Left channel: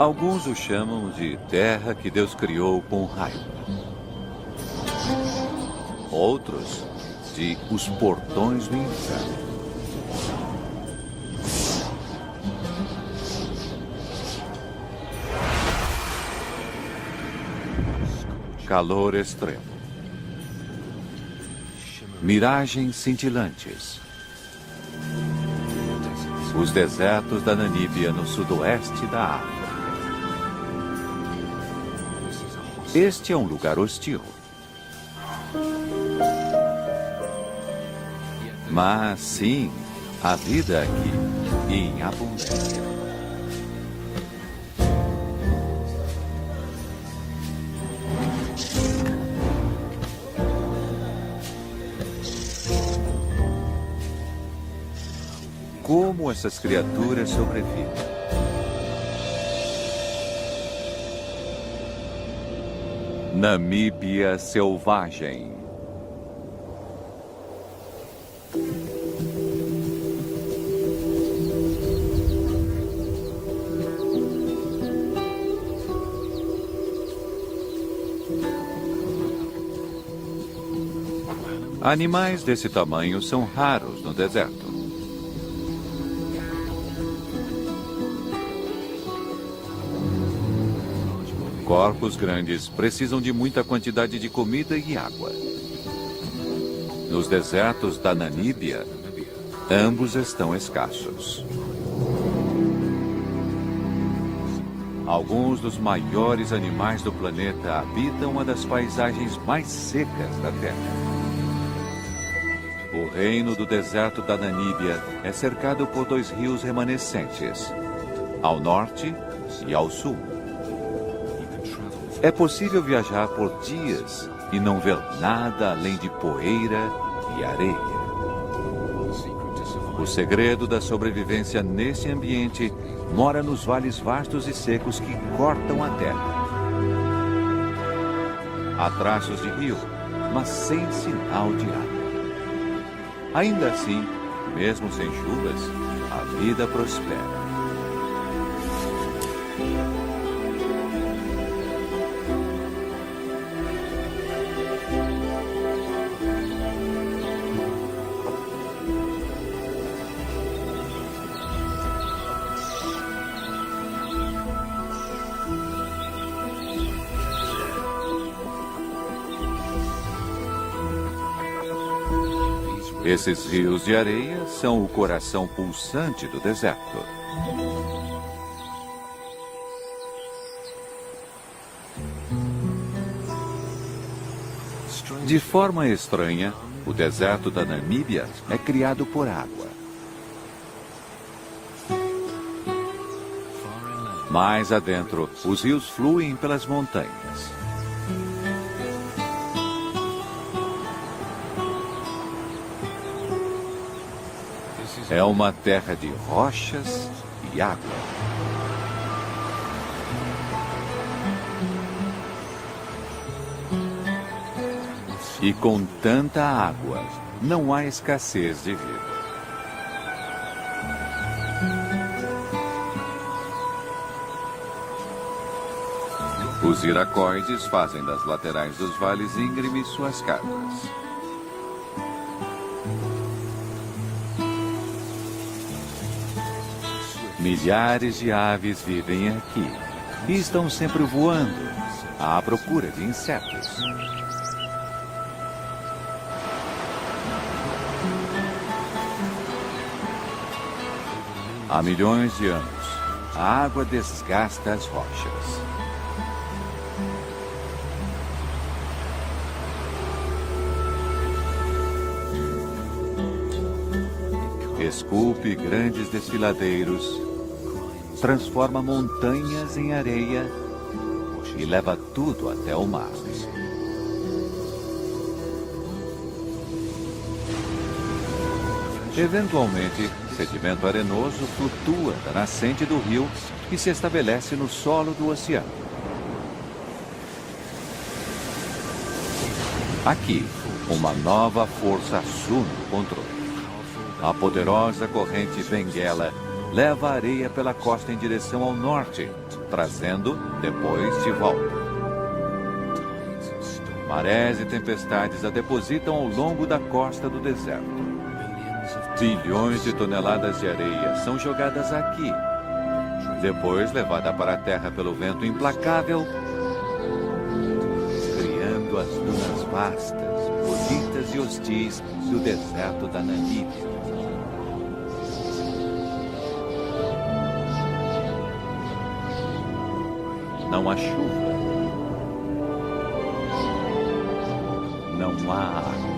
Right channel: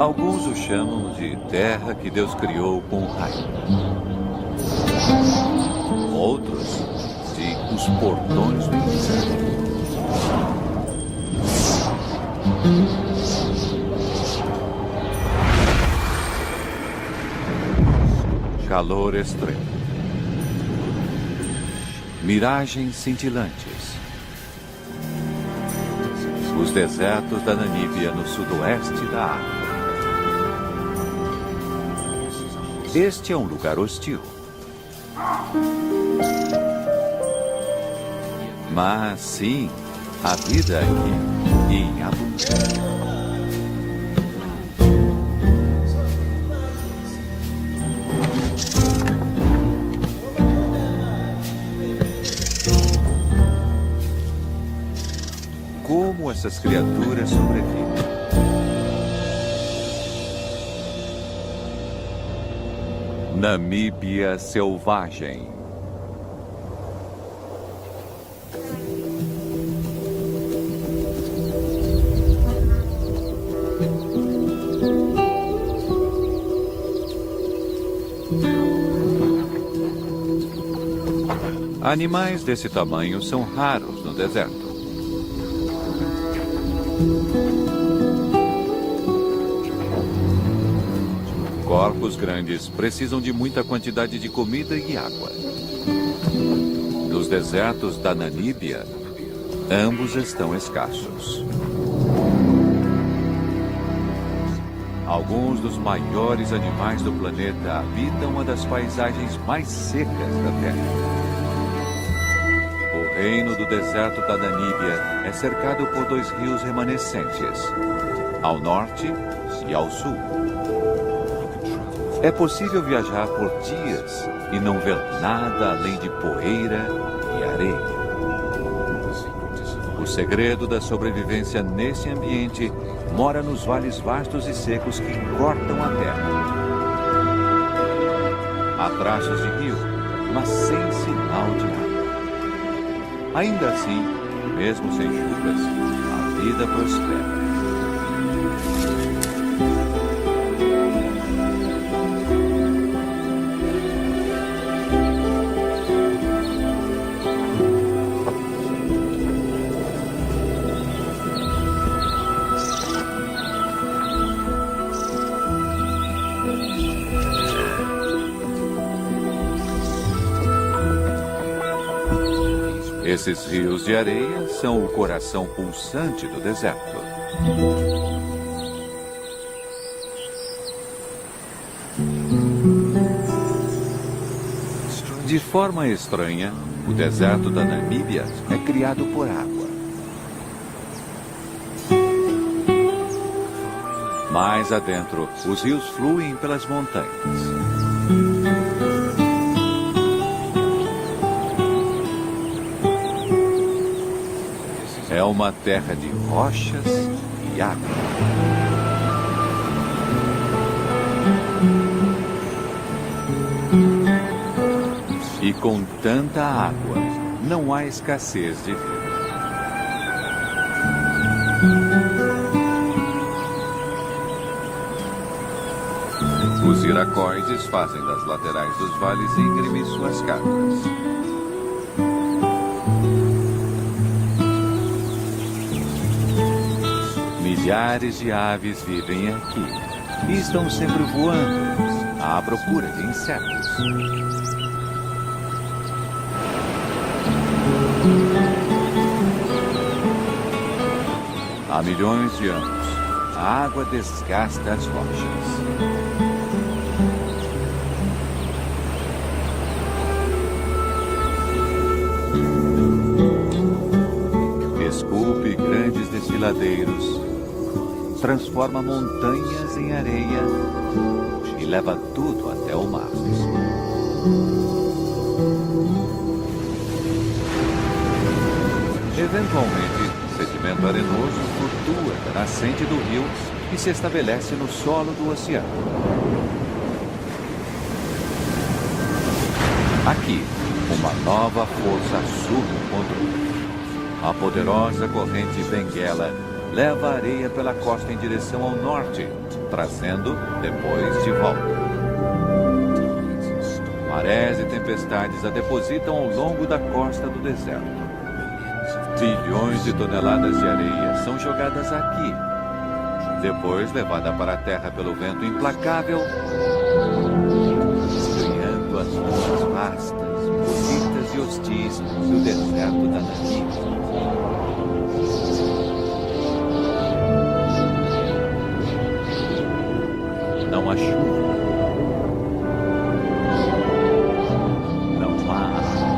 Alguns o chamam de terra que Deus criou com raio. Outros de os portões do inferno. Calor extremo. Miragens cintilantes. Os desertos da Namíbia no sudoeste da África. Este é um lugar hostil. Mas sim, a vida aqui em abundância. Como essas criaturas sobrevivem? Namíbia selvagem. Animais desse tamanho são raros no deserto. Corpos grandes precisam de muita quantidade de comida e água. Nos desertos da Namíbia, ambos estão escassos. Alguns dos maiores animais do planeta habitam uma das paisagens mais secas da Terra. O reino do deserto da Namíbia é cercado por 2 rios remanescentes, ao norte e ao sul. É possível viajar por dias e não ver nada além de poeira e areia. O segredo da sobrevivência nesse ambiente mora nos vales vastos e secos que cortam a terra. Há traços de rio, mas sem sinal de água. Ainda assim, mesmo sem chuvas, a vida prospera. Esses rios de areia são o coração pulsante do deserto. De forma estranha, o deserto da Namíbia é criado por água. Mais adentro, os rios fluem pelas montanhas. É uma terra de rochas e água. E com tanta água, não há escassez de vida. Os iracoides fazem das laterais dos vales íngremes suas casas. Milhares de aves vivem aqui e estão sempre voando à procura de insetos. Há milhões de anos, a água desgasta as rochas. Esculpe grandes desfiladeiros, transforma montanhas em areia e leva tudo até o mar. Eventualmente, sedimento arenoso flutua da nascente do rio e se estabelece no solo do oceano. Aqui, uma nova força assume o controle. A poderosa corrente Benguela leva a areia pela costa em direção ao norte, trazendo depois de volta. Marés e tempestades a depositam ao longo da costa do deserto. Bilhões de toneladas de areia são jogadas aqui, depois levada para a terra pelo vento implacável, criando as dunas vastas, bonitas e hostis do deserto da Namíbia. Não há chuva. Não há água.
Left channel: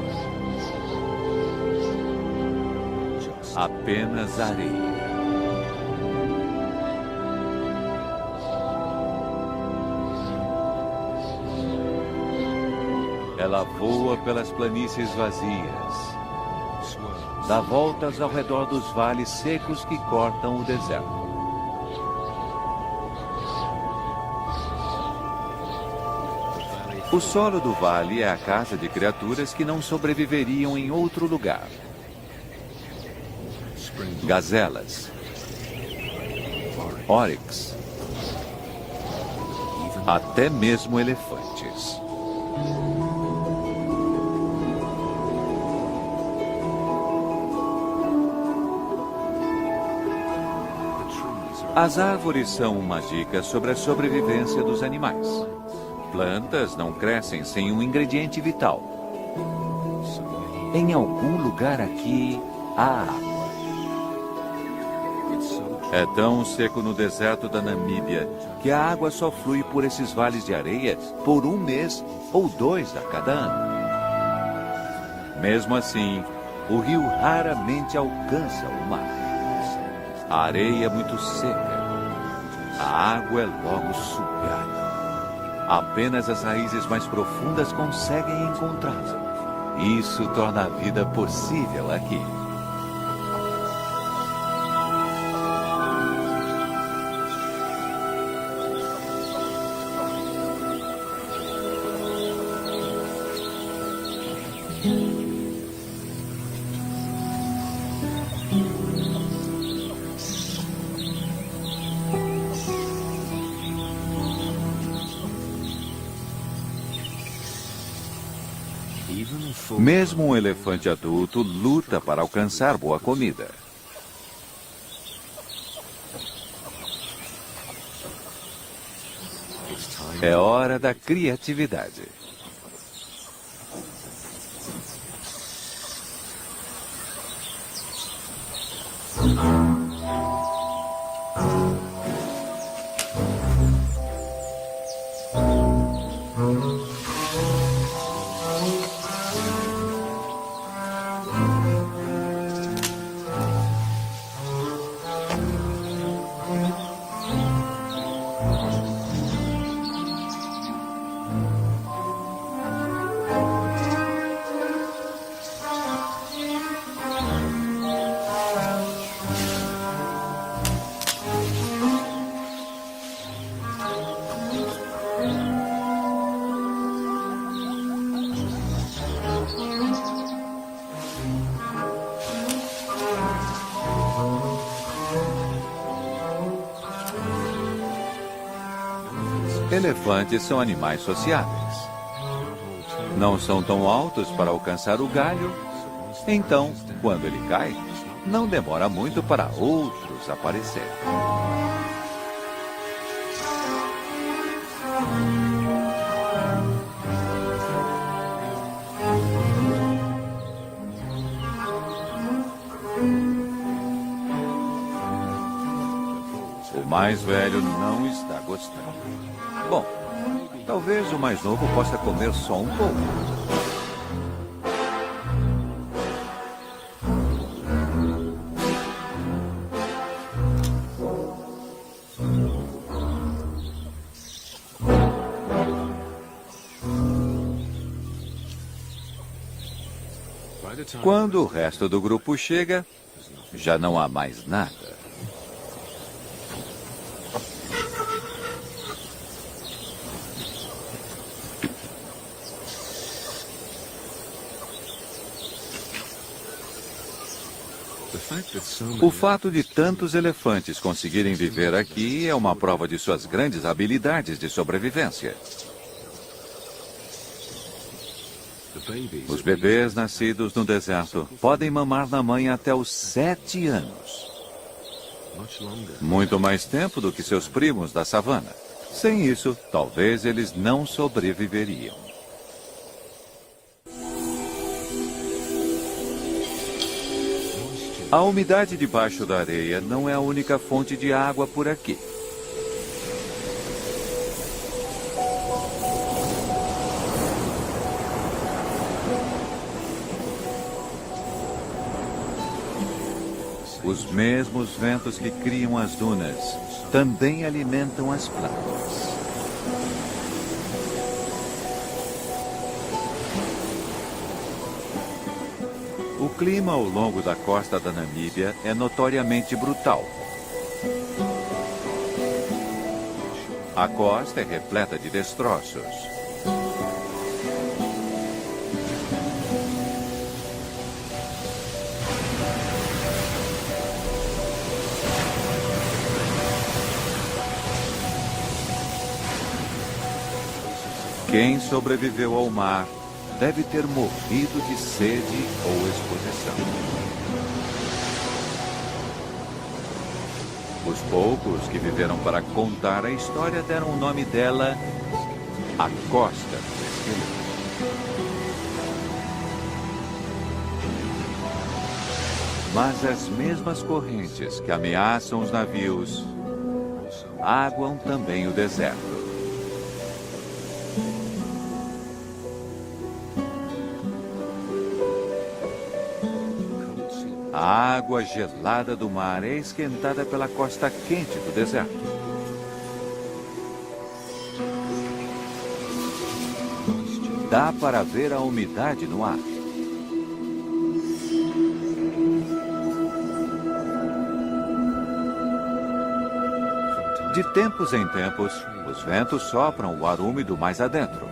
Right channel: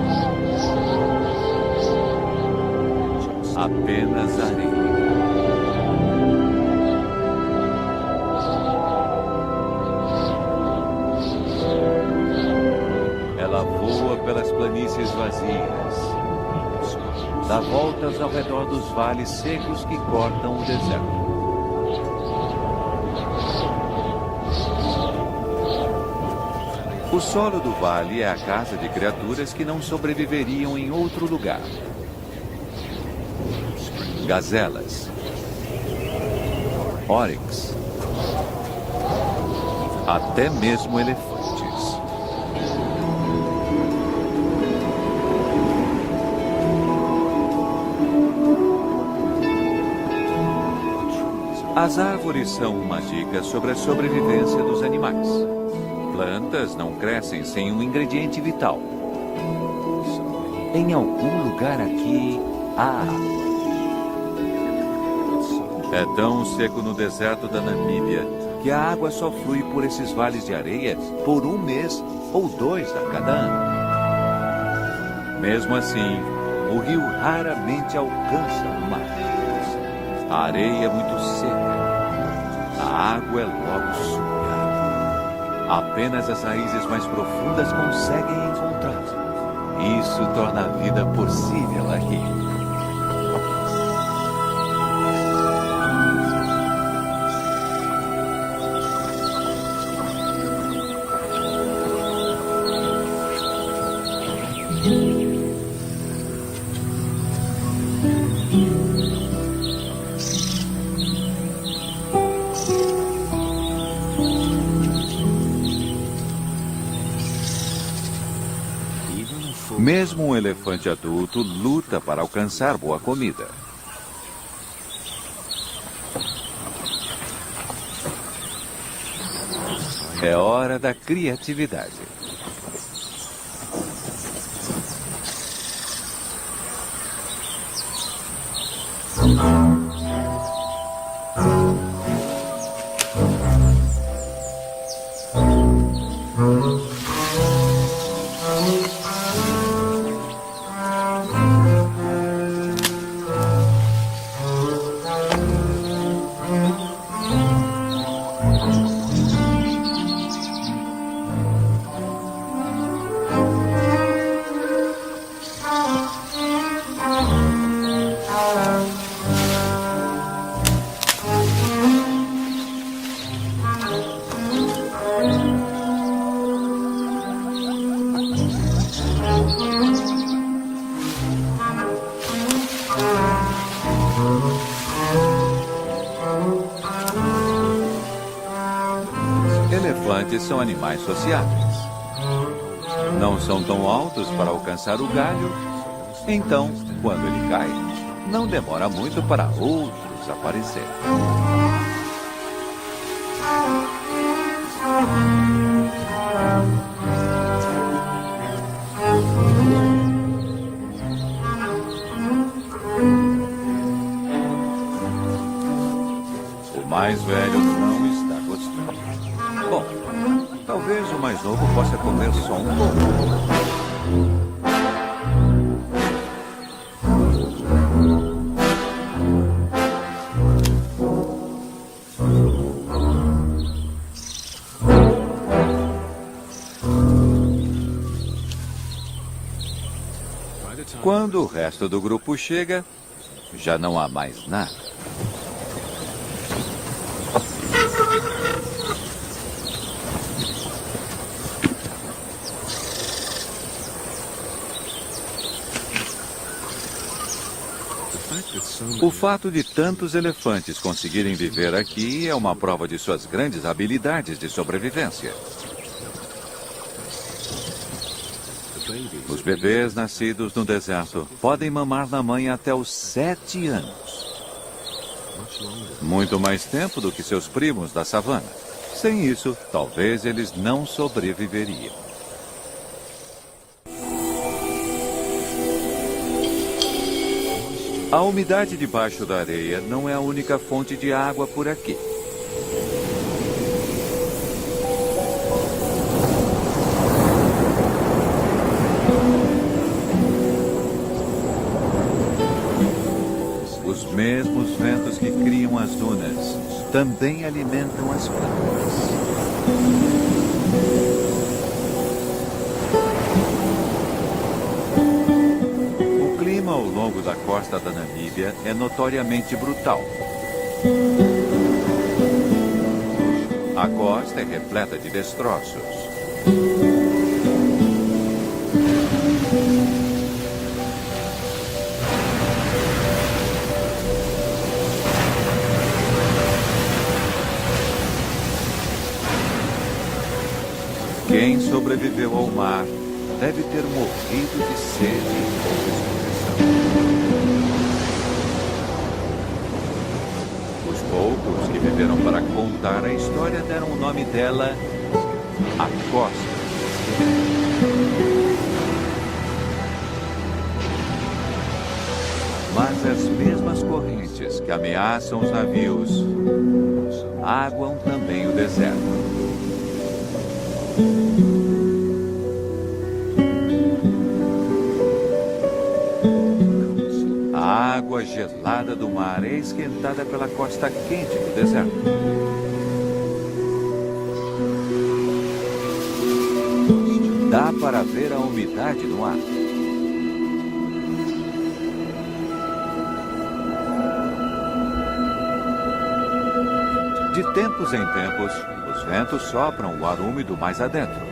Apenas areia. Ela voa pelas planícies vazias, dá voltas ao redor dos vales secos que cortam o deserto. O solo do vale é a casa de criaturas que não sobreviveriam em outro lugar. Gazelas, oryx, até mesmo elefantes. As árvores são uma dica sobre a sobrevivência dos animais. Plantas não crescem sem um ingrediente vital. Em algum lugar aqui há água. É tão seco no deserto da Namíbia que a água só flui por esses vales de areia por 1 mês ou 2 a cada ano. Mesmo assim, o rio raramente alcança o mar. A areia é muito seca. A água é logo sugada. Apenas as raízes mais profundas conseguem encontrá-la. Isso torna a vida possível aqui. Mesmo um elefante adulto luta para alcançar boa comida. É hora da criatividade. Elefantes são animais sociáveis. Não são tão altos para alcançar o galho, então, quando ele cai, não demora muito para outros aparecerem. O mais velho não está gostando. Bom, talvez o mais novo possa comer só um pouco. Quando o resto do grupo chega, já não há mais nada. O fato de tantos elefantes conseguirem viver aqui é uma prova de suas grandes habilidades de sobrevivência. Os bebês nascidos no deserto podem mamar na mãe até os 7 anos. Muito mais tempo do que seus primos da savana. Sem isso, talvez eles não sobreviveriam. A umidade debaixo da areia não é a única fonte de água por aqui. Os mesmos ventos que criam as dunas também alimentam as plantas. O clima ao longo da costa da Namíbia é notoriamente brutal. A costa é repleta de destroços. Quem sobreviveu ao mar deve ter morrido de sede ou exposição. Os poucos que viveram para contar a história deram o nome dela a Costa do Esqueleto. Mas as mesmas correntes que ameaçam os navios aguam também o deserto. A água gelada do mar é esquentada pela costa quente do deserto. Dá para ver a umidade no ar. De tempos em tempos, os ventos sopram o ar úmido mais adentro.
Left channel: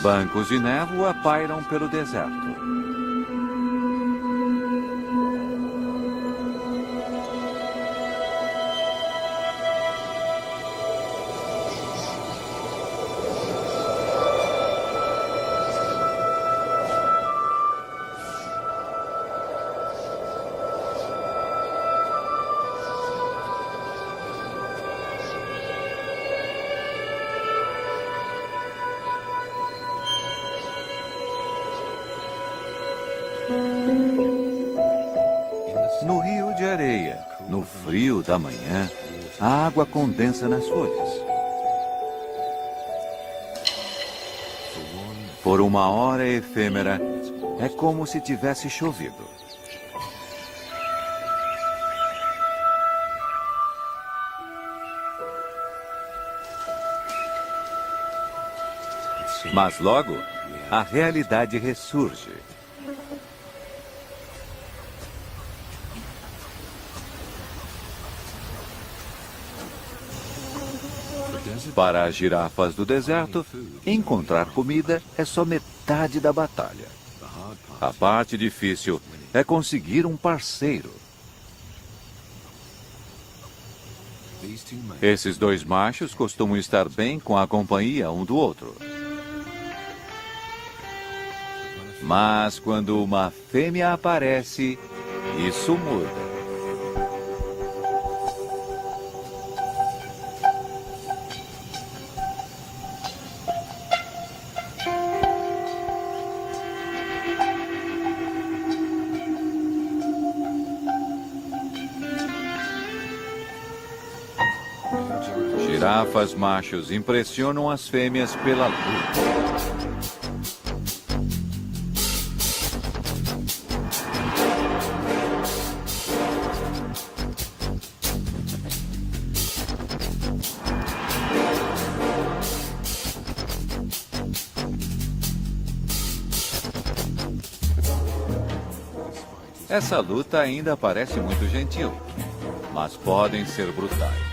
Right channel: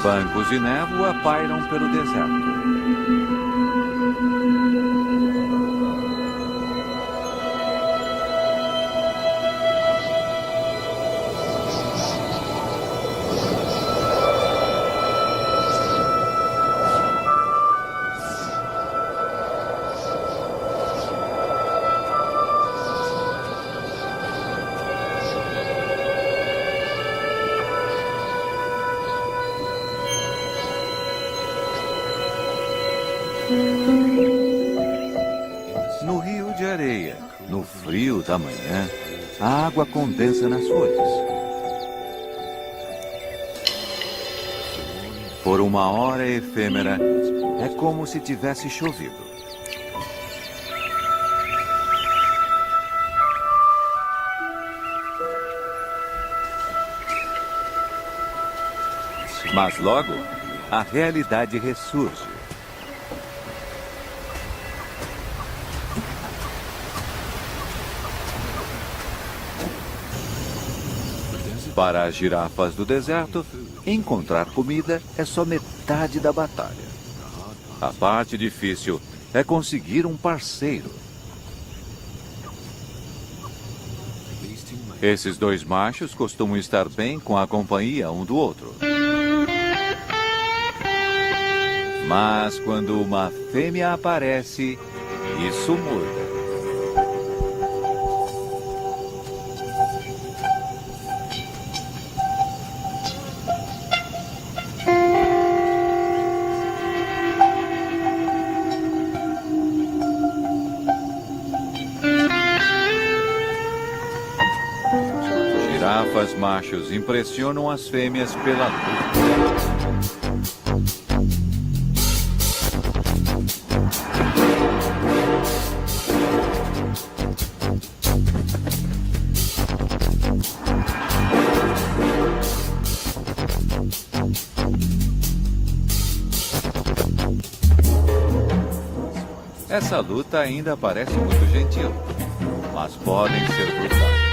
Bancos de névoa pairam pelo deserto. No rio de areia, no frio da manhã, a água condensa nas folhas. Por uma hora efêmera, é como se tivesse chovido. Mas logo, a realidade ressurge. Para as girafas do deserto, encontrar comida é só metade da batalha. A parte difícil é conseguir um parceiro. Esses dois machos costumam estar bem com a companhia um do outro. Mas quando uma fêmea aparece, isso muda. Girafas machos impressionam as fêmeas pela luz. Essa luta ainda parece muito gentil, mas podem ser brutais.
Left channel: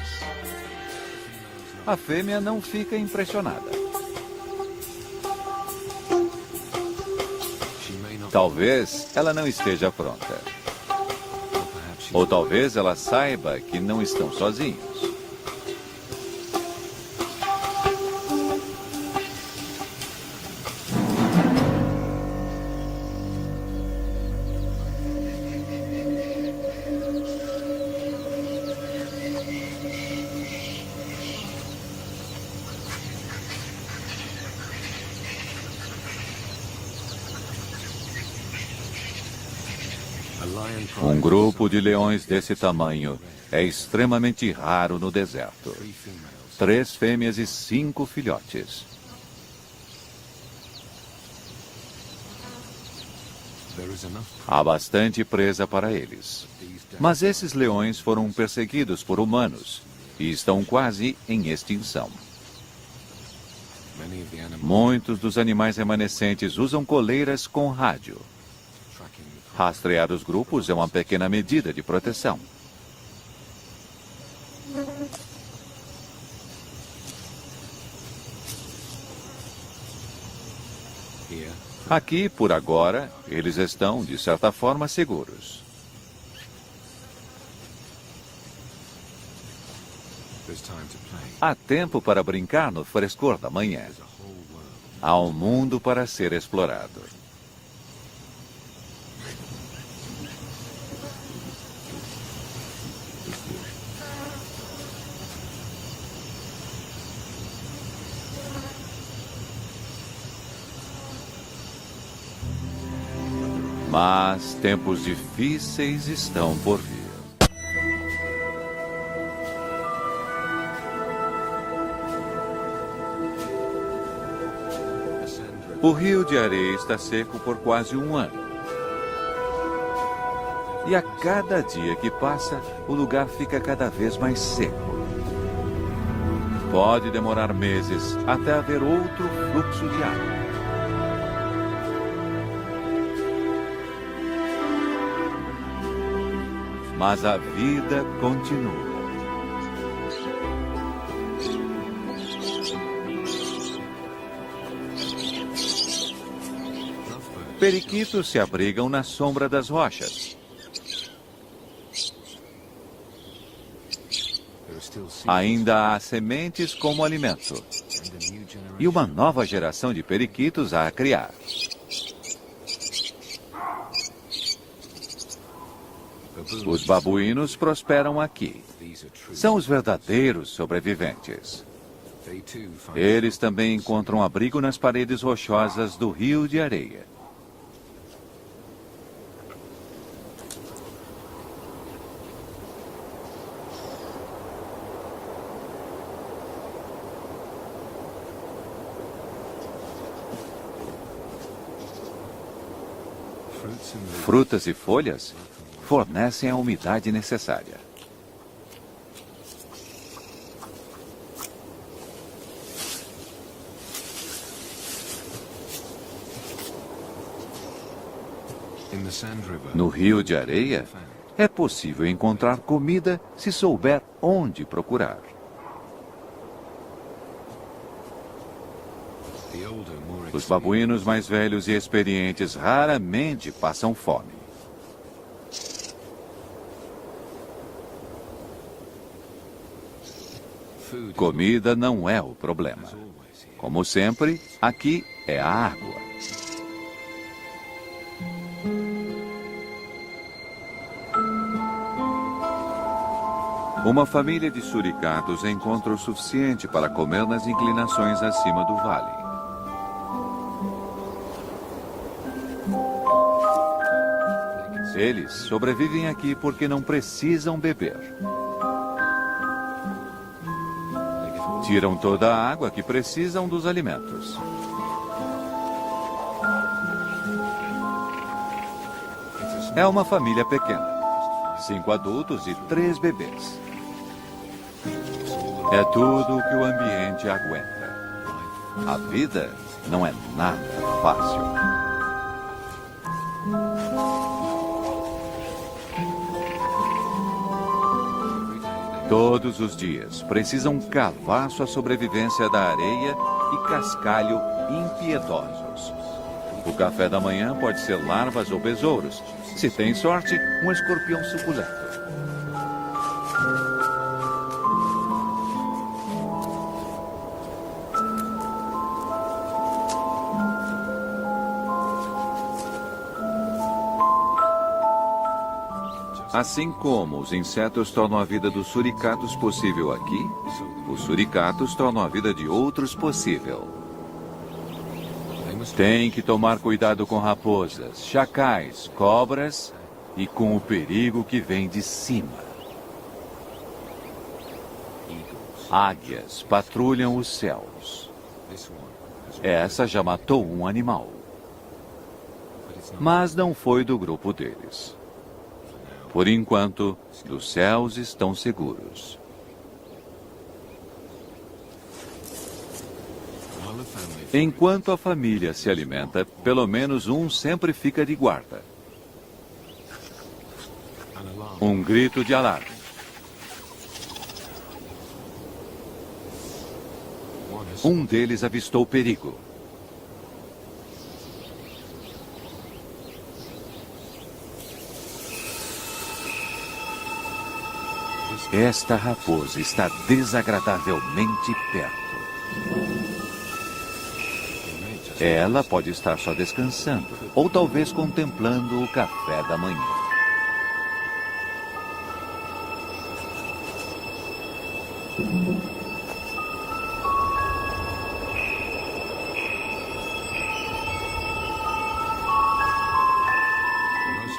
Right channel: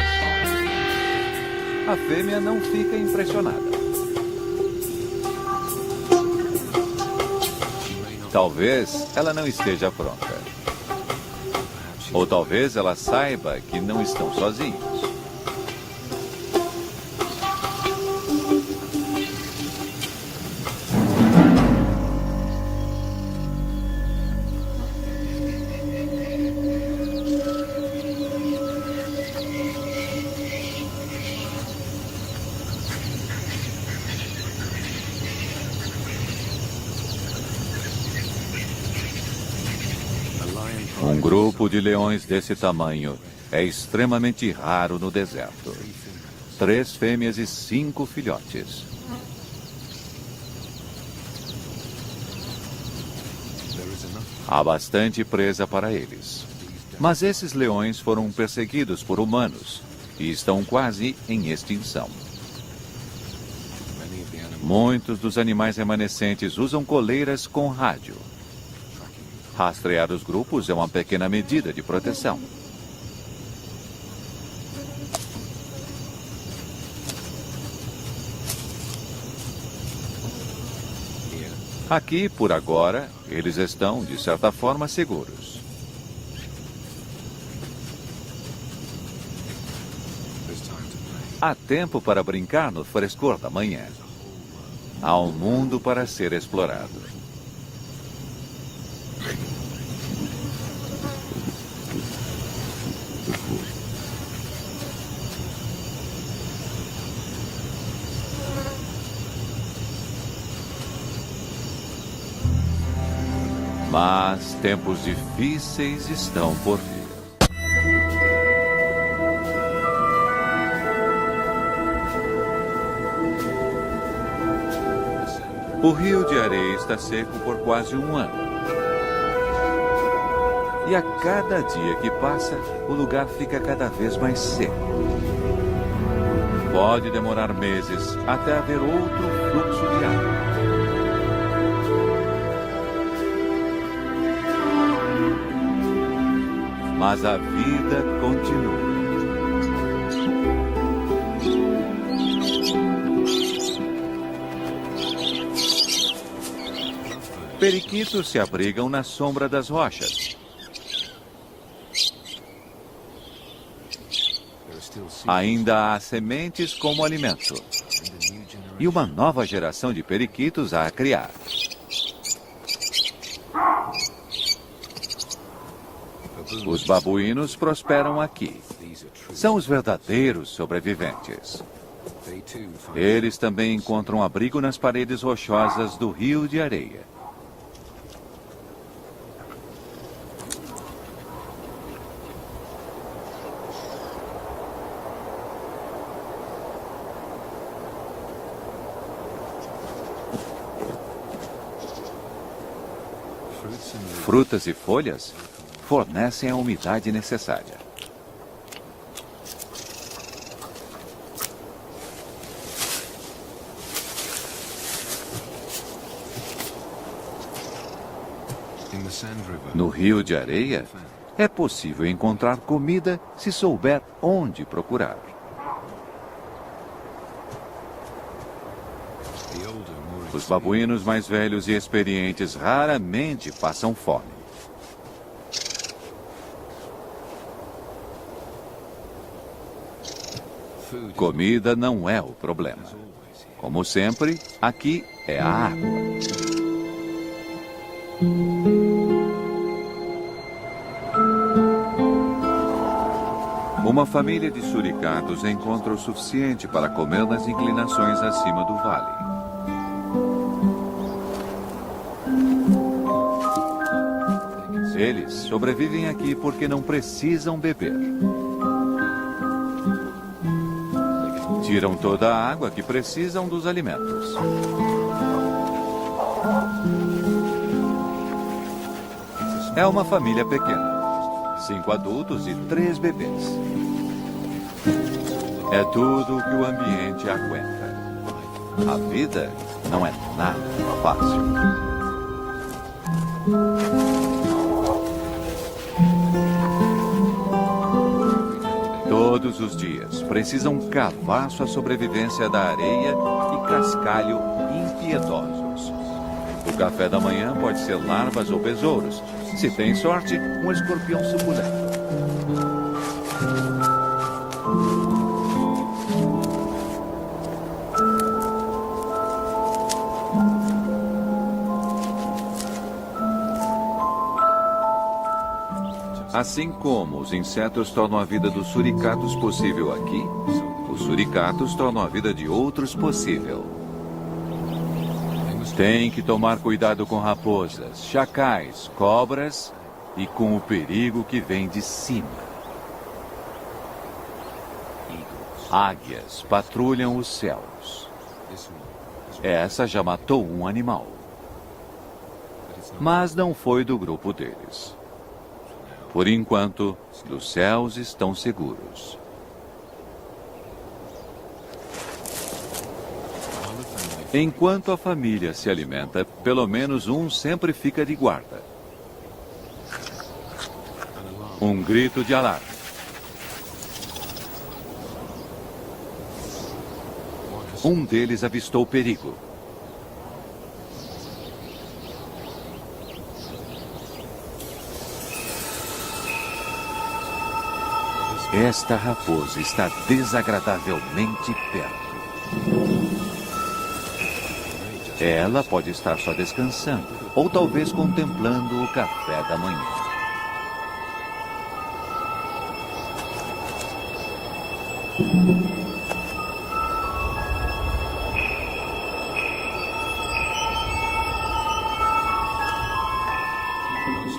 A fêmea não fica impressionada. Talvez ela não esteja pronta. Ou talvez ela saiba que não estão sozinhos. Um grupo de leões desse tamanho é extremamente raro no deserto. 3 fêmeas e 5 filhotes. Há bastante presa para eles. Mas esses leões foram perseguidos por humanos e estão quase em extinção. Muitos dos animais remanescentes usam coleiras com rádio. Rastrear os grupos é uma pequena medida de proteção. Aqui, por agora, eles estão, de certa forma, seguros. Há tempo para brincar no frescor da manhã. Há um mundo para ser explorado. Mas tempos difíceis estão por vir. O rio de areia está seco por quase um ano. E a cada dia que passa, o lugar fica cada vez mais seco. Pode demorar meses até haver outro fluxo de água. Mas a vida continua. Periquitos se abrigam na sombra das rochas. Ainda há sementes como alimento. E uma nova geração de periquitos a criar. Os babuínos prosperam aqui. São os verdadeiros sobreviventes. Eles também encontram abrigo nas paredes rochosas do rio de areia. Frutas e folhas fornecem a umidade necessária. No rio de areia, é possível encontrar comida se souber onde procurar. Os babuínos mais velhos e experientes raramente passam fome. Comida não é o problema. Como sempre, aqui é a água. Uma família de suricatos encontra o suficiente para comer nas inclinações acima do vale. Eles sobrevivem aqui porque não precisam beber. Tiram toda a água que precisam dos alimentos. É uma família pequena. 5 adultos e 3 bebês. É tudo o que o ambiente aguenta. A vida não é nada fácil. Todos os dias precisam cavar sua sobrevivência da areia e cascalho impiedosos. O café da manhã pode ser larvas ou besouros. Se tem sorte, um escorpião suculento. Assim como os insetos tornam a vida dos suricatos possível aqui, os suricatos tornam a vida de outros possível. Tem que tomar cuidado com raposas, chacais, cobras e com o perigo que vem de cima. Águias patrulham os céus. Essa já matou um animal. Mas não foi do grupo deles. Por enquanto, os céus estão seguros. Enquanto a família se alimenta, pelo menos um sempre fica de guarda. Um grito de alarme. Um deles avistou perigo. Esta raposa está desagradavelmente perto. Ela pode estar só descansando, ou talvez contemplando o café da manhã.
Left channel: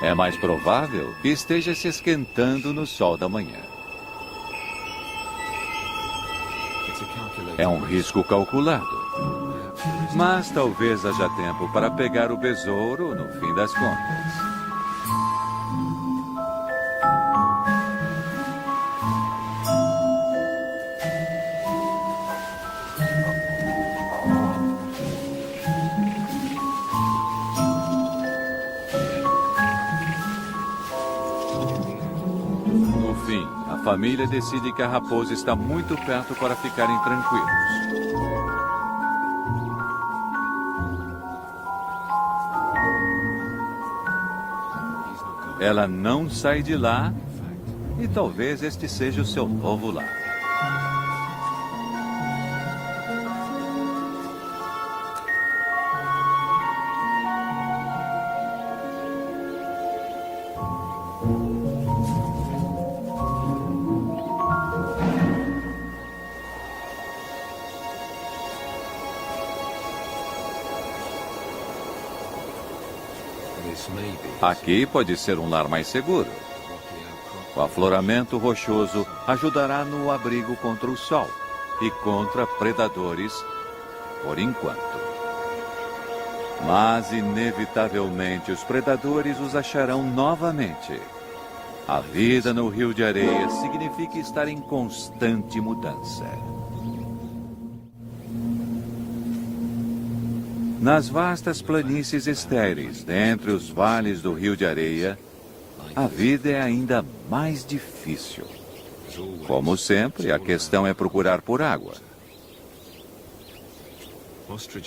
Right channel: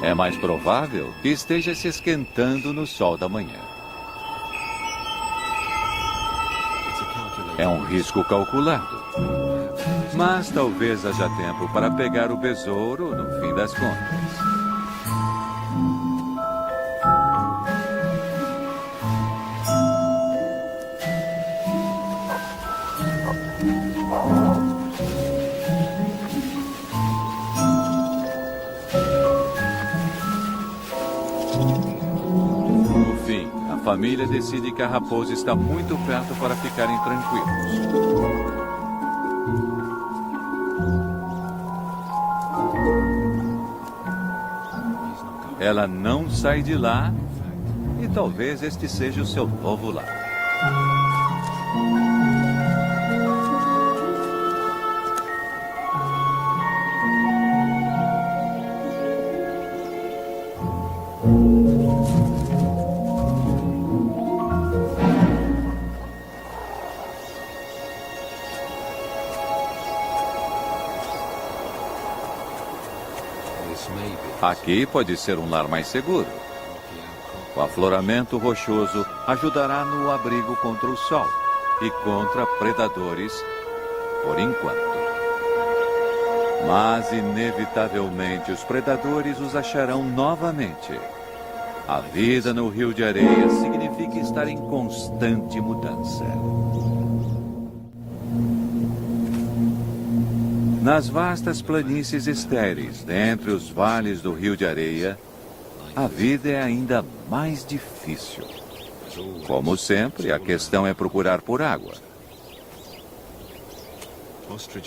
É mais provável que esteja se esquentando no sol da manhã. É um risco calculado. Mas talvez haja tempo para pegar o besouro no fim das contas. No fim, a família decide que a raposa está muito perto para ficarem tranquilos. Ela não sai de lá e talvez este seja o seu novo lar. Aqui pode ser um lar mais seguro. O afloramento rochoso ajudará no abrigo contra o sol e contra predadores, por enquanto. Mas, inevitavelmente, os predadores os acharão novamente. A vida no Rio de Areia significa estar em constante mudança. Nas vastas planícies estéreis, dentre os vales do Rio de Areia, a vida é ainda mais difícil. Como sempre, a questão é procurar por água.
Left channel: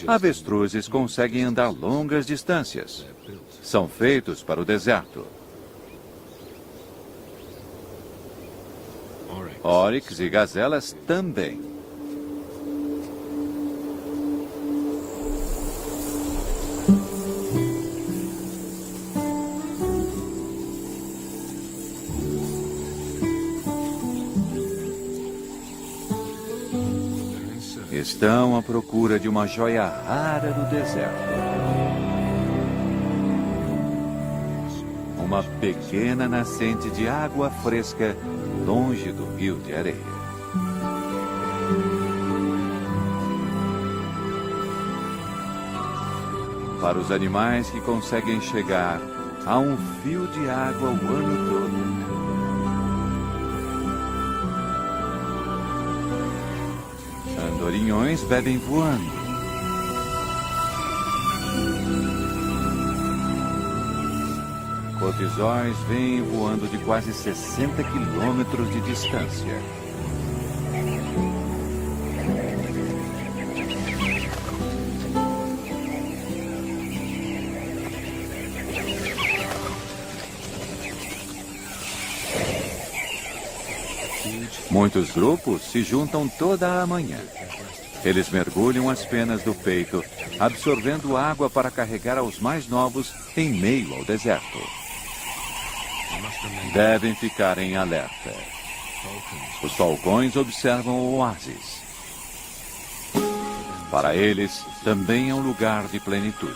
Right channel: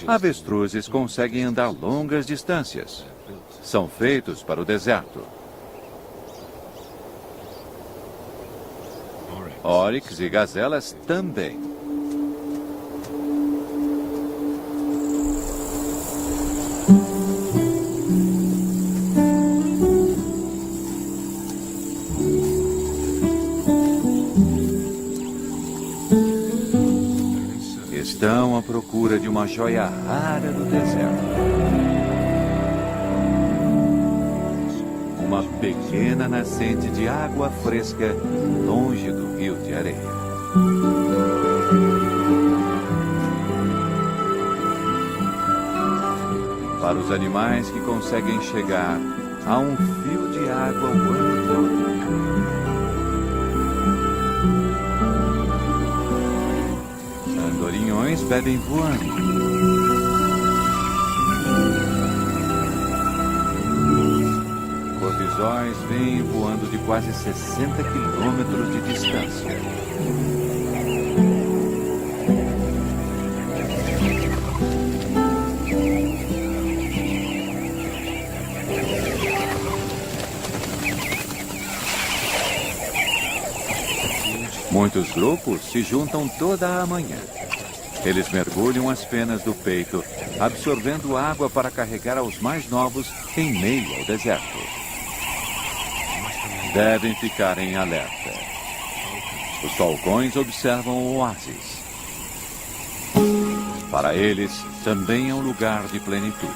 Avestruzes conseguem andar longas distâncias. São feitos para o deserto. Oryx e gazelas também. Estão à procura de uma joia rara do deserto. Uma pequena nascente de água fresca longe do Rio de Areia. Para os animais que conseguem chegar, há um fio de água o ano todo. Andorinhões bebem voando. Cortisóis vêm voando de quase 60 quilômetros de distância. Muitos grupos se juntam toda a manhã. Eles mergulham as penas do peito, absorvendo água para carregar aos mais novos em meio ao deserto. Devem ficar em alerta. Os falcões observam o oásis. Para eles, também é um lugar de plenitude.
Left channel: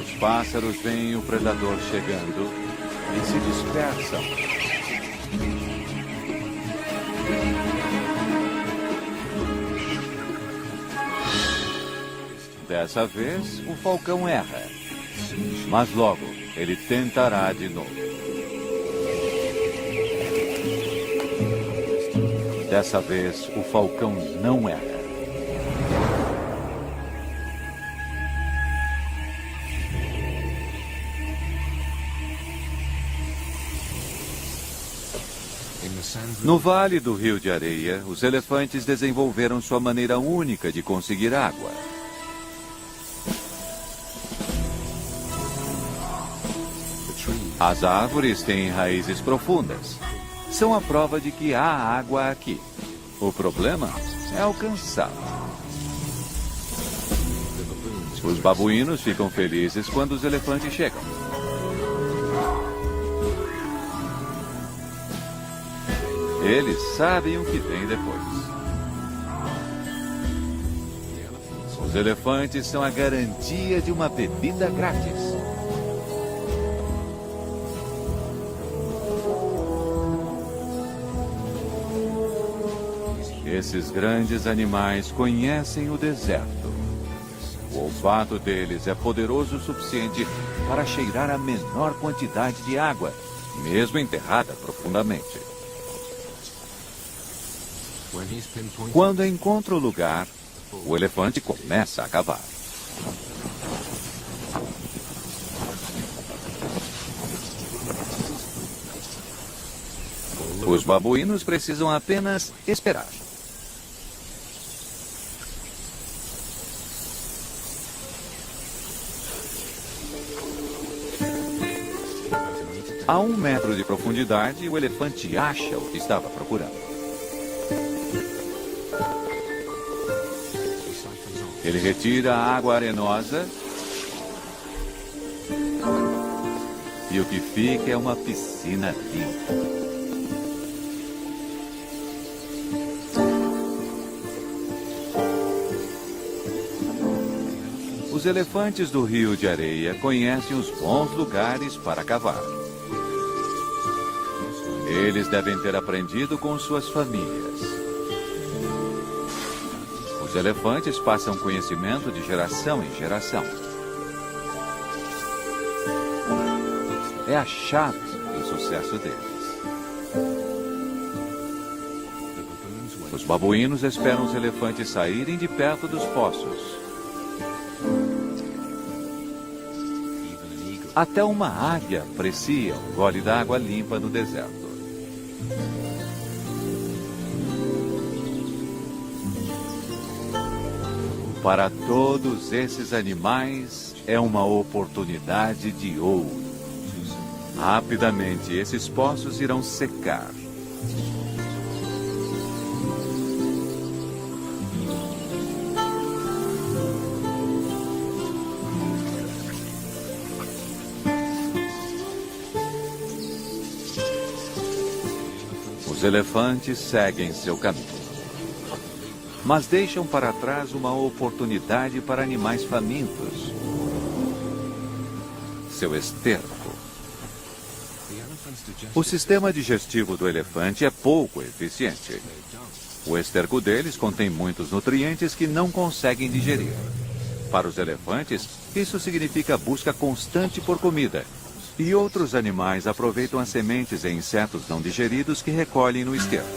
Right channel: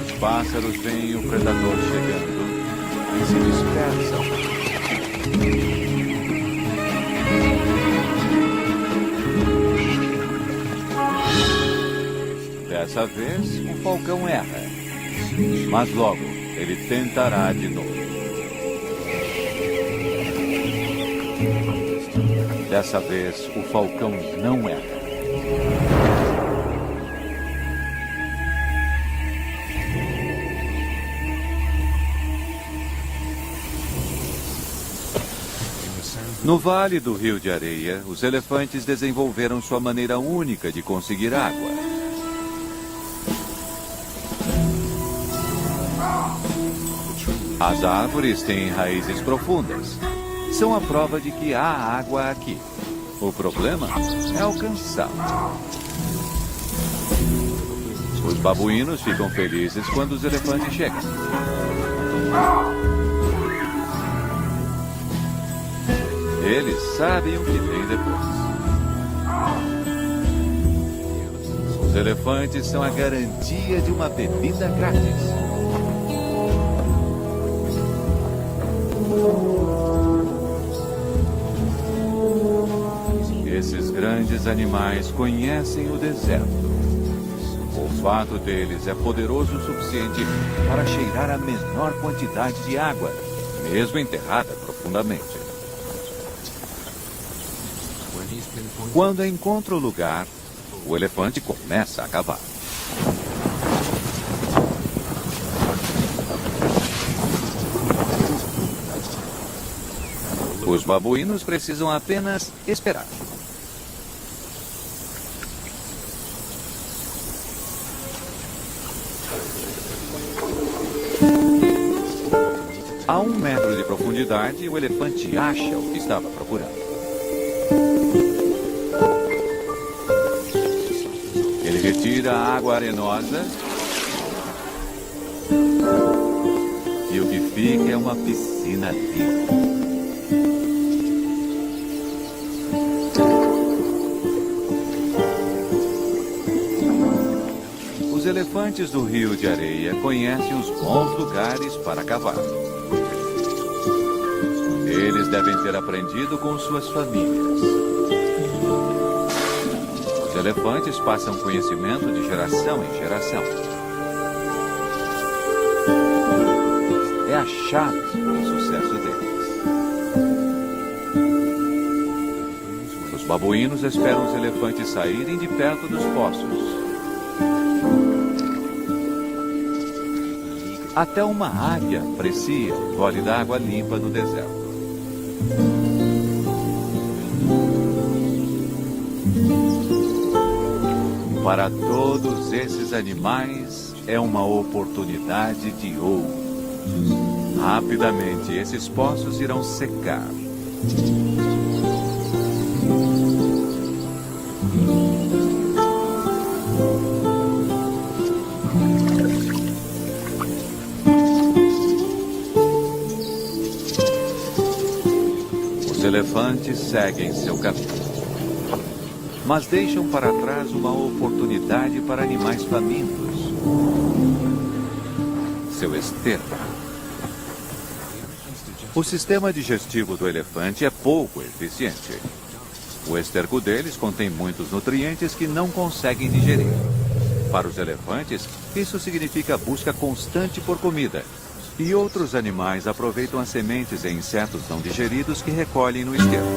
Os pássaros veem o predador chegando e se dispersam. Dessa vez, o falcão erra. Mas logo, ele tentará de novo. Dessa vez, o falcão não erra. No Vale do Rio de Areia, os elefantes desenvolveram sua maneira única de conseguir água. As árvores têm raízes profundas. São a prova de que há água aqui. O problema é alcançá-la. Os babuínos ficam felizes quando os elefantes chegam. Eles sabem o que vem depois. Os elefantes são a garantia de uma bebida grátis. Esses grandes animais conhecem o deserto. O olfato deles é poderoso o suficiente para cheirar a menor quantidade de água, mesmo enterrada profundamente. Quando encontra o lugar, o elefante começa a cavar. Os babuínos precisam apenas esperar. A 1 metro de profundidade, o elefante acha o que estava procurando. Ele retira a água arenosa e o que fica é uma piscina limpa. Os elefantes do Rio de Areia conhecem os bons lugares para cavar. Eles devem ter aprendido com suas famílias. Os elefantes passam conhecimento de geração em geração. É a chave do sucesso deles. Os babuínos esperam os elefantes saírem de perto dos poços. Até uma águia aprecia o gole d'água limpa no deserto. Para todos esses animais, é uma oportunidade de ouro. Rapidamente, esses poços irão secar. Os elefantes seguem seu caminho. Mas deixam para trás uma oportunidade para animais famintos. Seu esterco. O sistema digestivo do elefante é pouco eficiente. O esterco deles contém muitos nutrientes que não conseguem digerir. Para os elefantes, isso significa busca constante por comida. E outros animais aproveitam as sementes e insetos não digeridos que recolhem no esterco.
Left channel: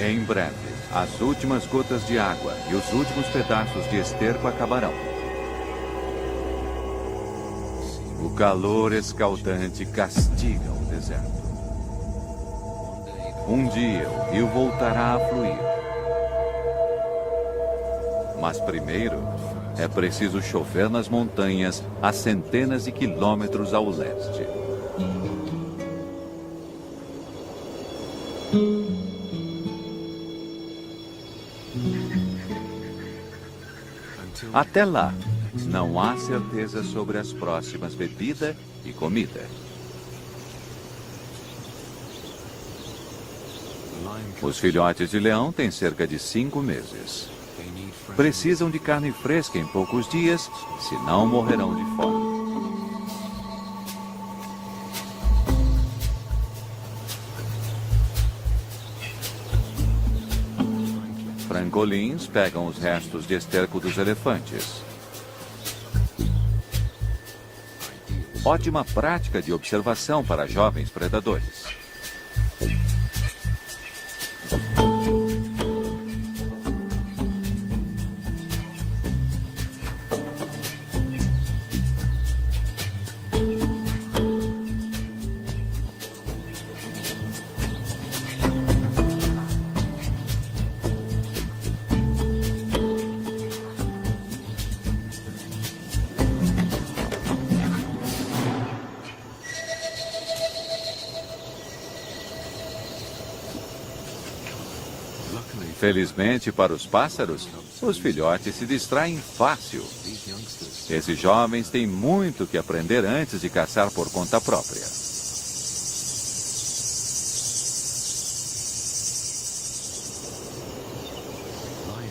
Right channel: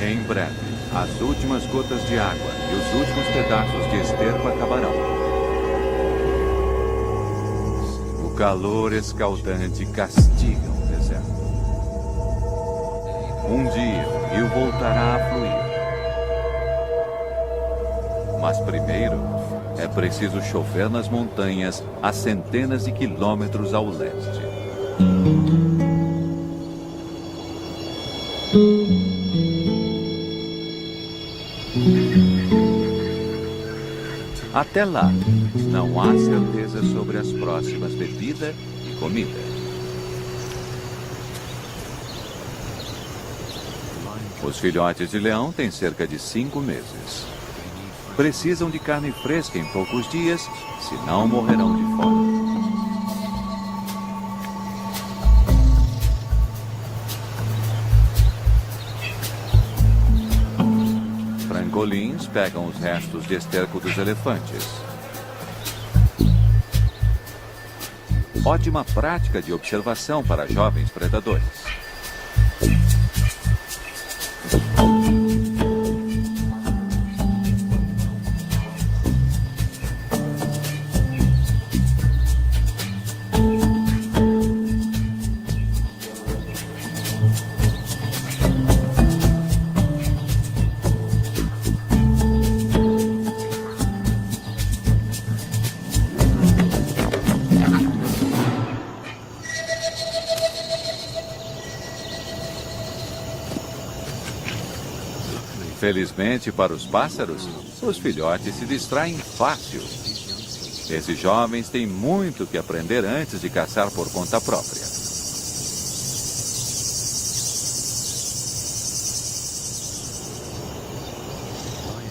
Em breve. As últimas gotas de água e os últimos pedaços de esterco acabarão. O calor escaldante castiga o deserto. Um dia o rio voltará a fluir. Mas primeiro é preciso chover nas montanhas a centenas de quilômetros ao leste. Até lá, não há certeza sobre as próximas bebida e comida. Os filhotes de leão têm cerca de 5 meses. Precisam de carne fresca em poucos dias, senão morrerão de fome. Frangolins pegam os restos de esterco dos elefantes. Ótima prática de observação para jovens predadores. Felizmente para os pássaros, os filhotes se distraem fácil. Esses jovens têm muito que aprender antes de caçar por conta própria.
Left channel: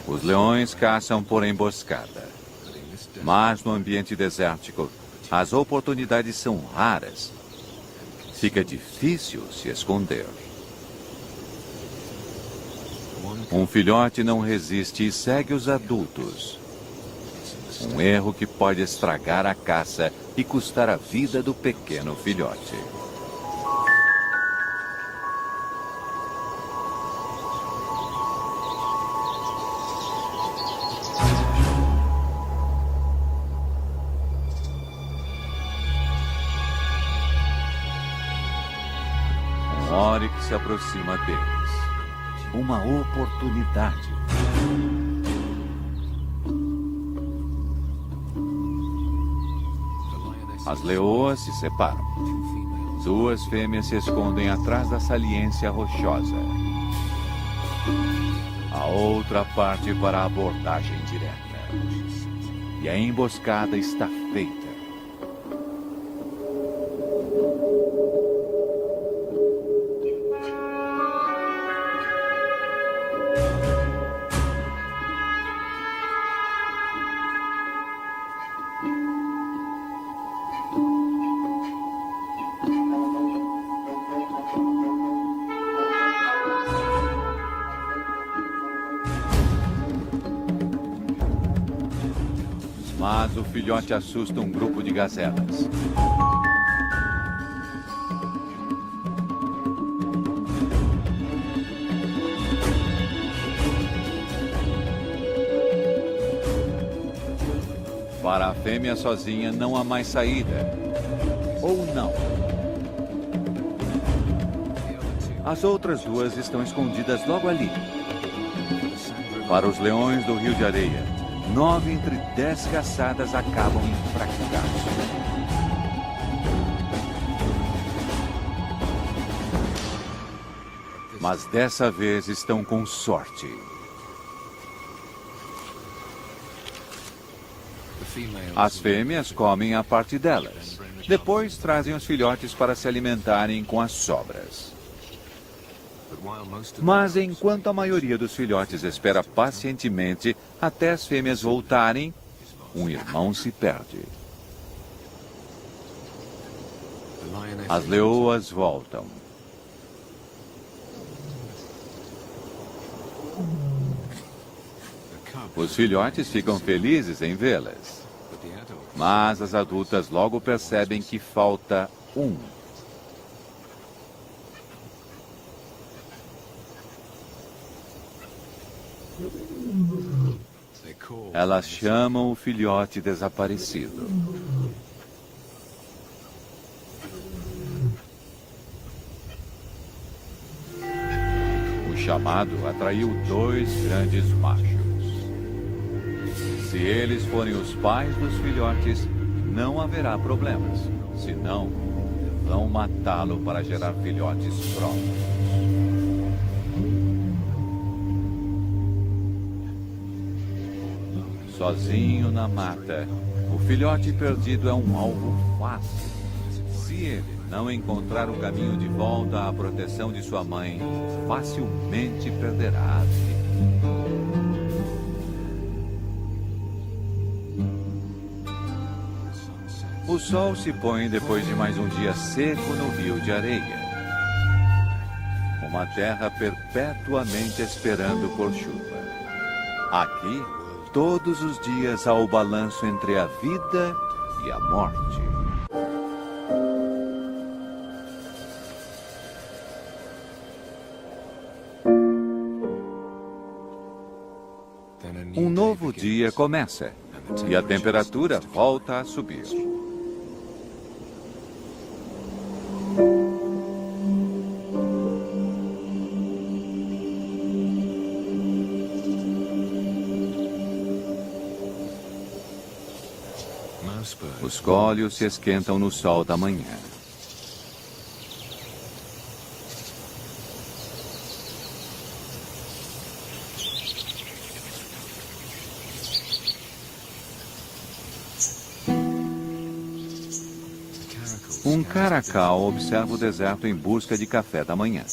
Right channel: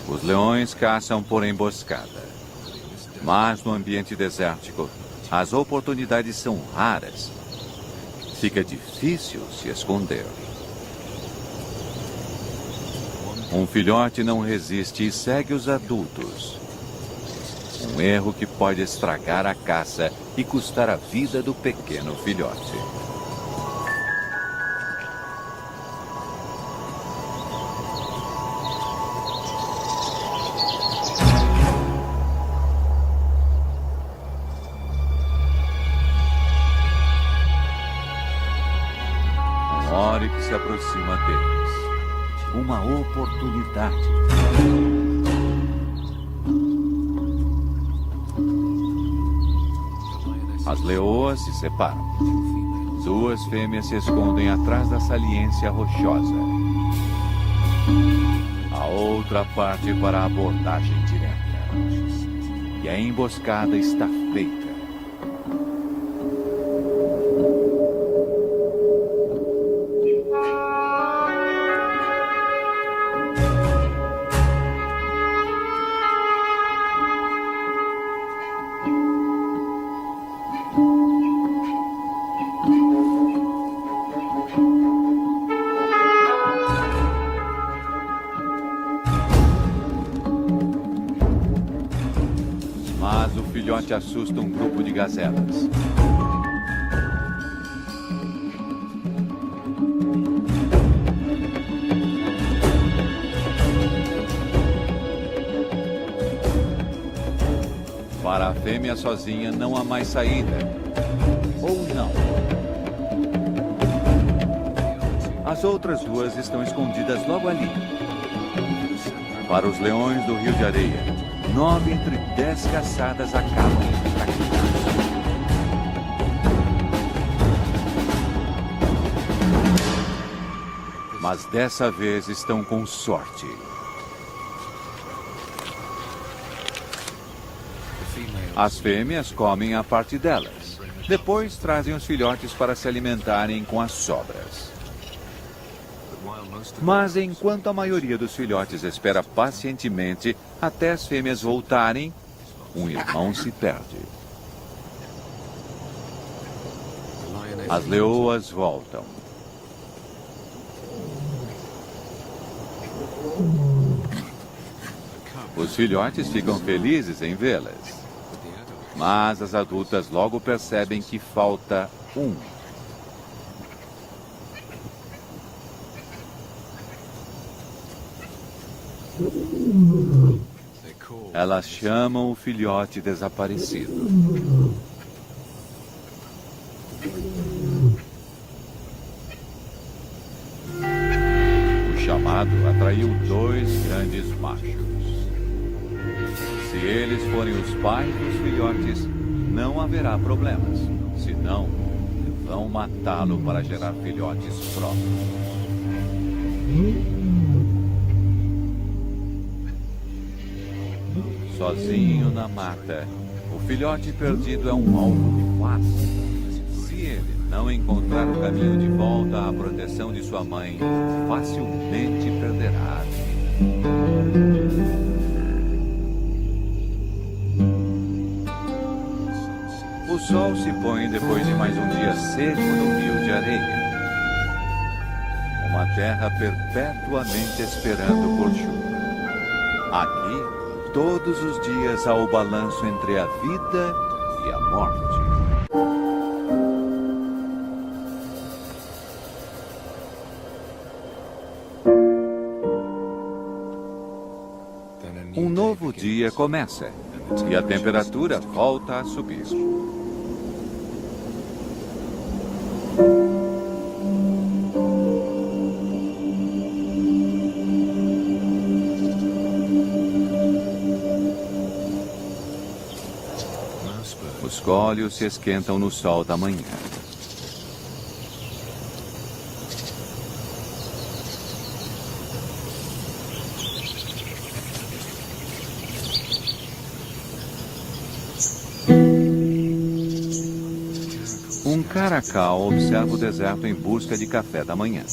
Os leões caçam por emboscada. Mas no ambiente desértico, as oportunidades são raras. Fica difícil se esconder. Um filhote não resiste e segue os adultos. Um erro que pode estragar a caça e custar a vida do pequeno filhote. Um oryx se aproxima deles. Uma oportunidade. As leoas se separam. 2 fêmeas se escondem atrás da saliência rochosa. A outra parte para a abordagem direta. E a emboscada está feita. Mas o filhote assusta um grupo de gazelas. Para a fêmea sozinha não há mais saída. Ou não. As outras 2 estão escondidas logo ali. Para os leões do Rio de Areia, 9 entre 10 caçadas acabam em fracasso. Mas dessa vez estão com sorte. As fêmeas comem a parte delas. Depois trazem os filhotes para se alimentarem com as sobras. Mas enquanto a maioria dos filhotes espera pacientemente até as fêmeas voltarem, um irmão se perde. As leoas voltam. Os filhotes ficam felizes em vê-las. Mas as adultas logo percebem que falta um. Elas chamam o filhote desaparecido. O chamado atraiu 2 grandes machos. Se eles forem os pais dos filhotes, não haverá problemas. Senão, vão matá-lo para gerar filhotes próprios. Sozinho na mata, o filhote perdido é um alvo fácil. Se ele não encontrar o caminho de volta à proteção de sua mãe, facilmente perderá a vida. O sol se põe depois de mais um dia seco no rio de areia. Uma terra perpetuamente esperando por chuva. Aqui, todos os dias há o balanço entre a vida e a morte. Um novo dia começa e a temperatura volta a subir. Os cólios se esquentam no sol da manhã. Um caracal observa o deserto em busca de café da manhã.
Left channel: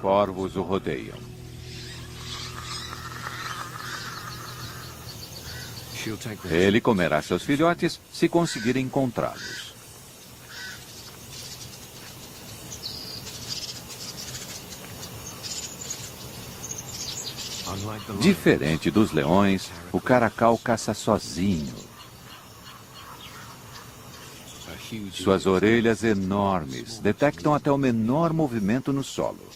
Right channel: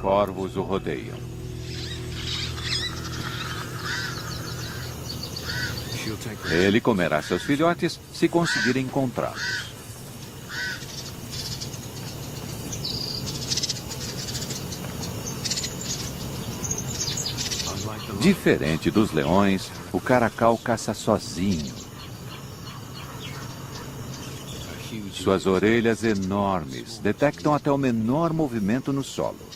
Corvos o rodeiam. Ele comerá seus filhotes se conseguir encontrá-los. Diferente dos leões, o caracal caça sozinho. Suas orelhas enormes detectam até o menor movimento no solo.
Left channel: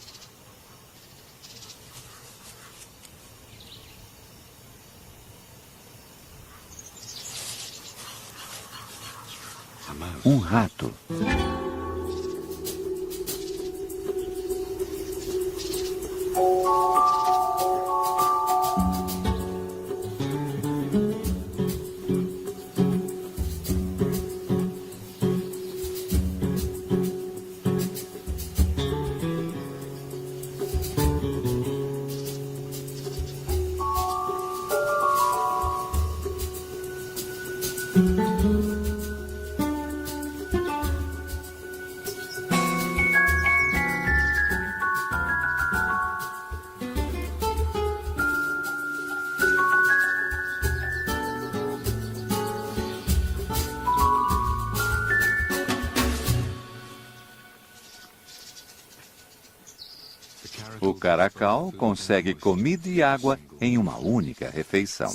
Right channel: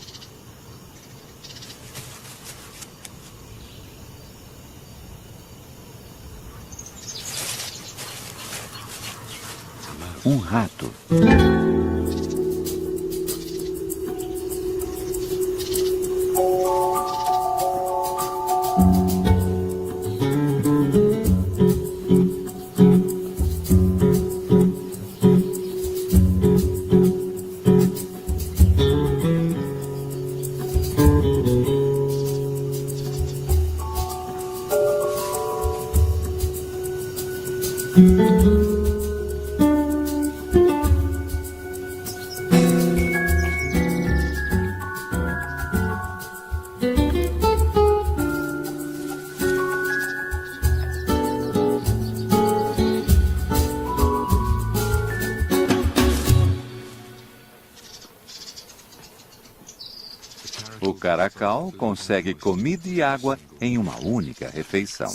Um rato. O caracal consegue comida e água em uma única refeição.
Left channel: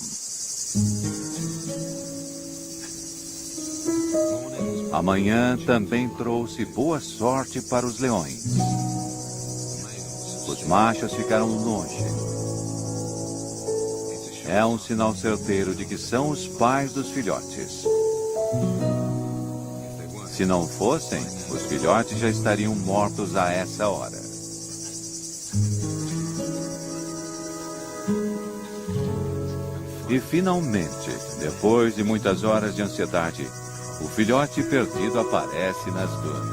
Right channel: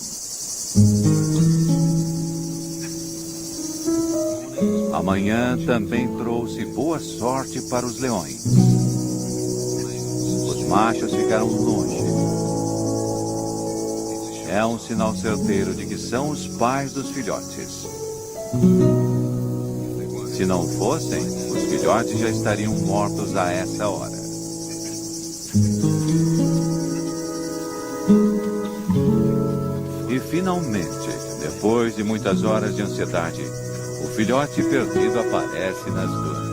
Amanhã também trouxe boa sorte para os leões. Os machos ficaram longe. É um sinal certeiro de que são os pais dos filhotes. Se não fossem, os filhotes já estariam mortos a essa hora. E finalmente, depois de muitas horas de ansiedade, o filhote perdido aparece nas dunas.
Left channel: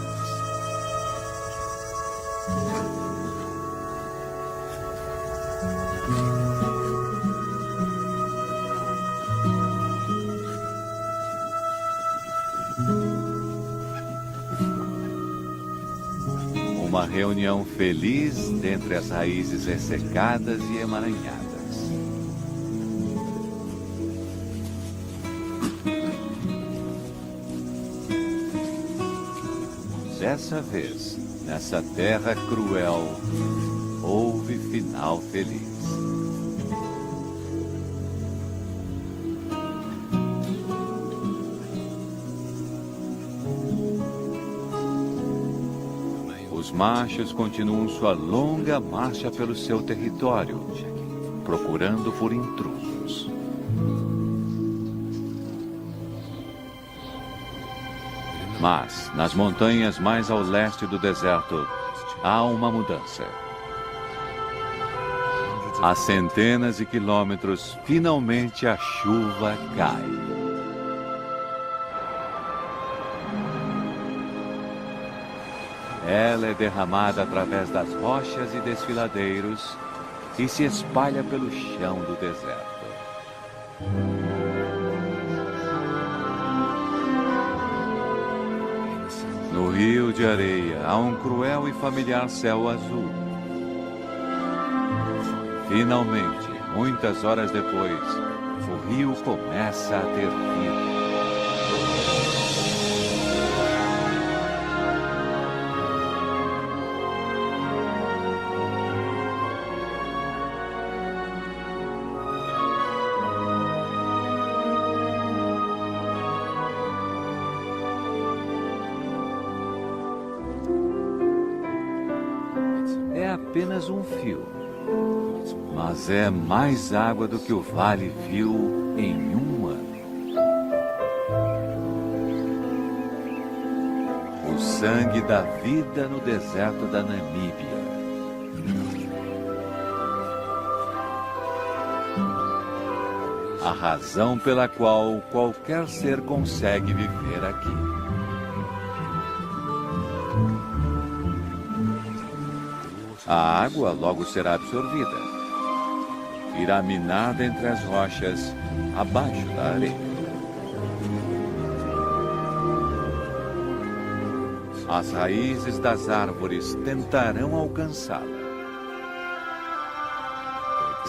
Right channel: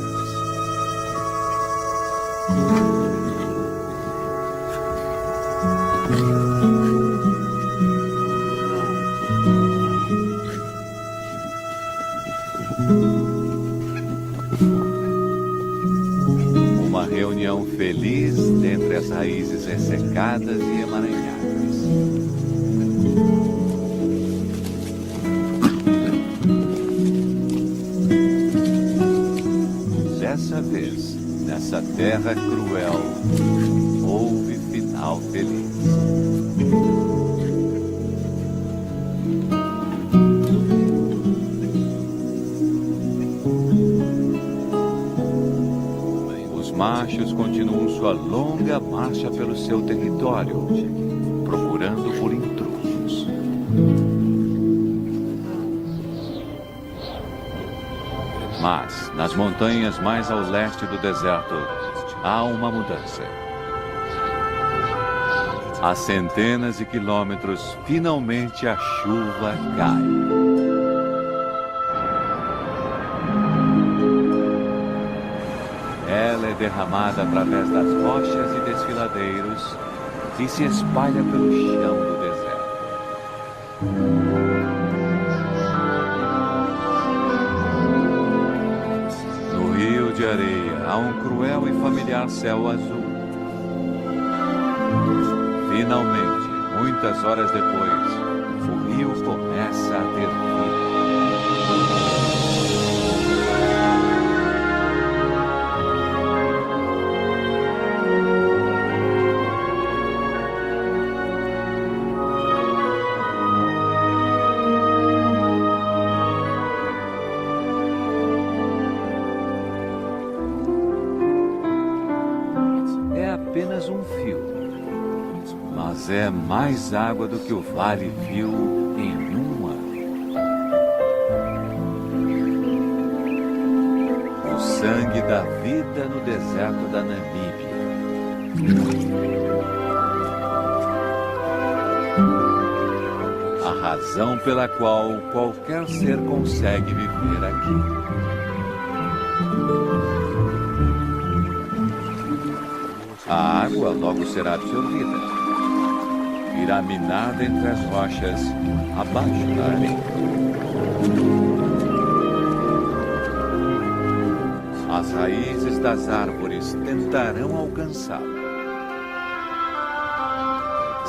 Uma reunião feliz dentre as raízes ressecadas e emaranhadas. Dessa vez, Nessa terra cruel, houve final feliz. Os machos continuam sua longa marcha pelo seu território, procurando por intrusos. Mas, nas montanhas mais ao leste do deserto, há uma mudança. A centenas de quilômetros, finalmente a chuva cai. Ela é derramada através das rochas e desfiladeiros e se espalha pelo chão do deserto. No rio de areia há um cruel e familiar céu azul. Finalmente, muitas horas depois, o rio começa a ter vida. É apenas um fio, mas é mais água do que o vale viu em um ano. O sangue da vida no deserto da Namíbia. A razão pela qual qualquer ser consegue viver aqui. A água logo será absorvida. Irá minada entre as rochas, abaixo da areia. As raízes das árvores tentarão alcançá-la.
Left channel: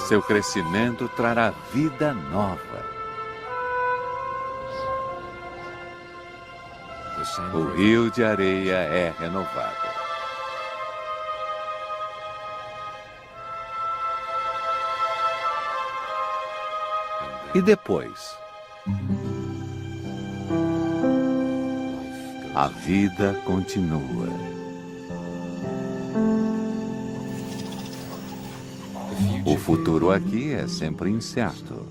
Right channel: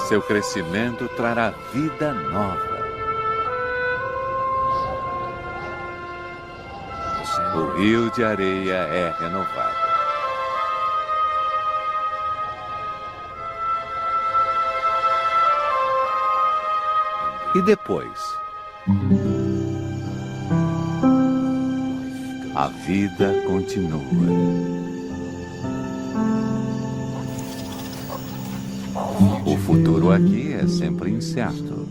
Seu crescimento trará vida nova. O rio de areia é renovado. E depois? A vida continua. O futuro aqui é sempre incerto.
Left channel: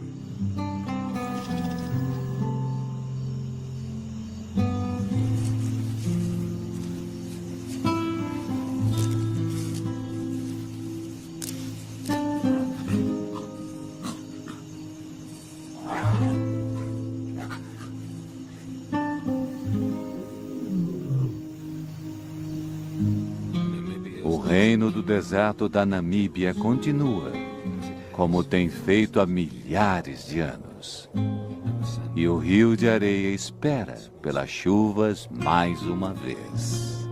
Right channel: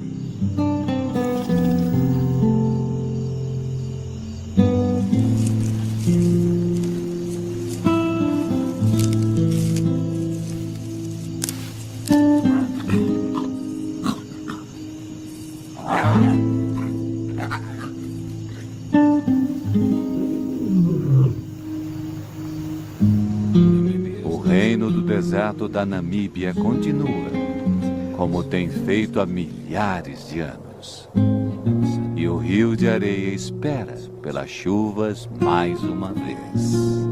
O reino do deserto da Namíbia continua, como tem feito há milhares de anos. E o rio de areia espera pelas chuvas mais uma vez.